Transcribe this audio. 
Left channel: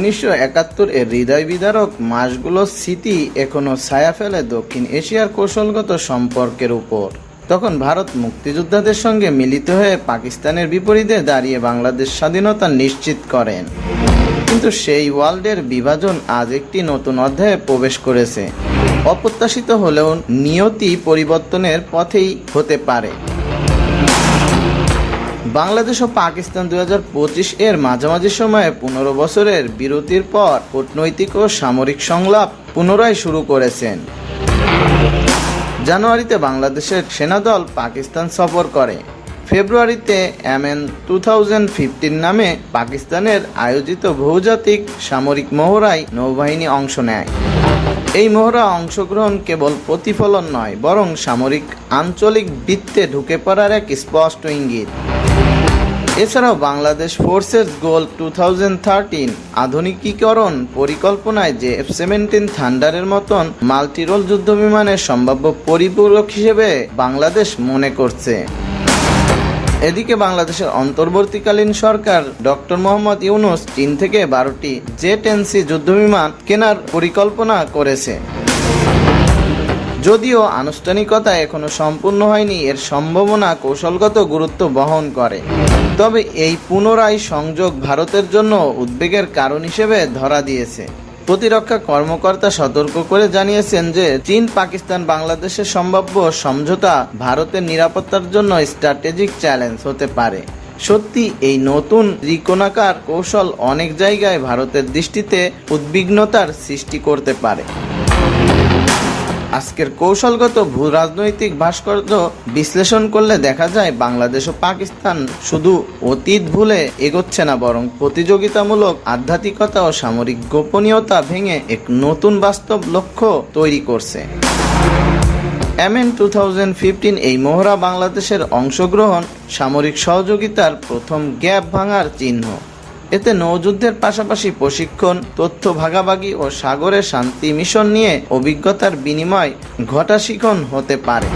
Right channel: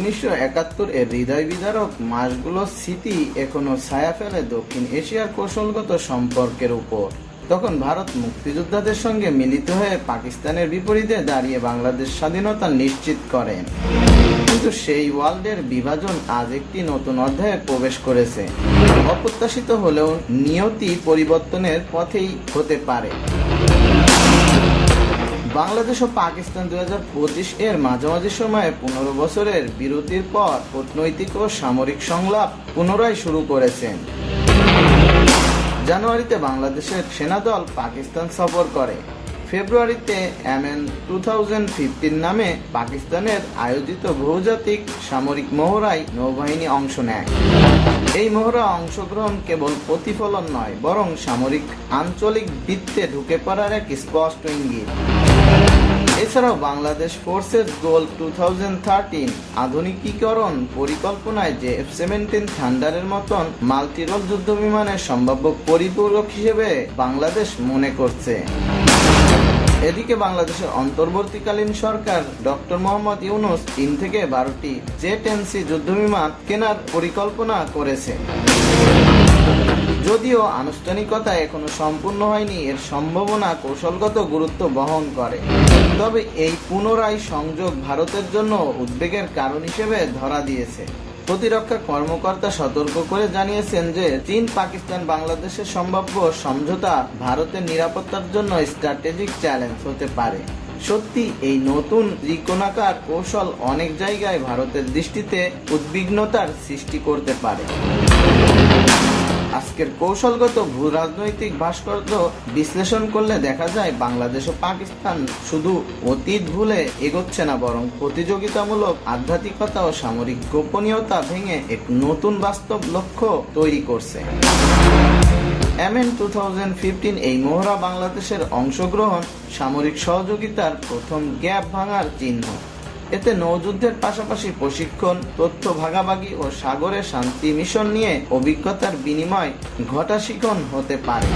উনিশশো একাত্তর এর হৃদয় বিদারক মাসগুলোর স্মৃতি এখনও ছায়া ফেলে দক্ষিণ এশিয়ার কৌশলগত সম্পর্কের উপর। তখন ভারত মুক্তিযোদ্ধাদের সঙ্গে মিলিত হয়ে পাকিস্তানের বিপরীতে দাঁড়িয়ে বাংলাদেশ স্বাধীনতা নিশ্চিত করেন। কিন্তু সেই ওয়ার্ল্ডের বিভাজন আজ একটি নতুন অধ্যায়ে প্রবেশ করেছে। অপ্রত্যাশিত হলেও নিয়তি পরিবর্তনের পথেই হতে পারে। বাংলাদেশ ও পাকিস্তান দু হাজার পঁচিশ এর মাঝামাঝি সময়ে পনেরো বছরের বিরতির পর কূটনৈতিক ও সামরিক সংলাপ পুনরায় শুরু করেছেন। জানুয়ারিতে বাংলাদেশের সেনাদল পাকিস্তান সফর করে। ফেব্রুয়ারিতে এমএন টু থাউজেন্ড ফিফটিন নামে পাকিস্তানের আয়োজিত বহুজাতিক সামরিক মহড়ায় নৌবাহিনী অংশ নেয়। এই মহড়া অংশগ্রহণ কেবল প্রতিফলন নয়, বরং সামরিক আঞ্চলিক বৃত্তে ঢুকে পড়ার এক স্পষ্ট ইঙ্গিত। এছাড়াও Bangladesh forces goal two thousand thirteen আধুনিকীকরণ পরিকল্পনায় যে এফ সেভেন্টিন থান্ডারের মতন মাল্টিরোল যুদ্ধ বিমানের সম্ভাব্য পরিপূরক হিসেবে বাংলাদেশ মনে করছে। এদিকে বাংলাদেশের অন্তর্বর্তীকালীন সরকার ডক্টর মোহাম্মদ ইউনুস চীন থেকে বারোটি জেট এনসি যুদ্ধবিমান কেনার পরিকল্পনা করেছে। যদিও আনুষ্ঠানিকতা এখনও সম্পূর্ণ হয়নি, এর সম্ভাবনা কৌশলগত গুরুত্ব বহন করে। তবে এই পুনরায় সংযোগ ভারতের জন্য উদ্বেগের কারণ হিসেবে ধরা দিয়েছে। প্রতিরক্ষা কর্মকর্তা সতর্ক করে জানিয়েছেন যে, চীন, পাকিস্তান, বাংলাদেশের সম্ভাব্য সমঝোতা ভারতের নিরাপত্তার জন্য স্ট্র্যাটেজিক চ্যালেঞ্জ হতে পারে। সত্যি, এই নতুন ত্রিকোণাকার কৌশল অনেক জায়গায় ভারতের দৃষ্টিতে উদ্বিগ্নতার সৃষ্টি করতে পারে। আজকের কৌশলগত ভূ রাজনৈতিক ভাস্কর্য বিশ্লেষণ করলে দেখা যায় বাংলাদেশ ও পাকিস্তান শুধু অতীত ভুলে এগোচ্ছে না, বরং প্রতিযোগিতামূলক আধ্যাত্মিকতা ও সামরিক গোপনীয়তা ভেঙে এক নতুন বাস্তব লক্ষ্য তৈরি করছে। এমএন টু এই মহড়া বাংলাদেশের অংশগ্রহণ সামরিক সহযোগিতার প্রথম গ্যাপ ভাঙার চিহ্ন। এতে নৌযুদ্ধের পাশাপাশি প্রশিক্ষণ, তথ্য ভাগাভাগি ও সাগরে শান্তি মিশন নিয়ে অভিজ্ঞতার বিনিময় ঘটা শিখন হতে পারে।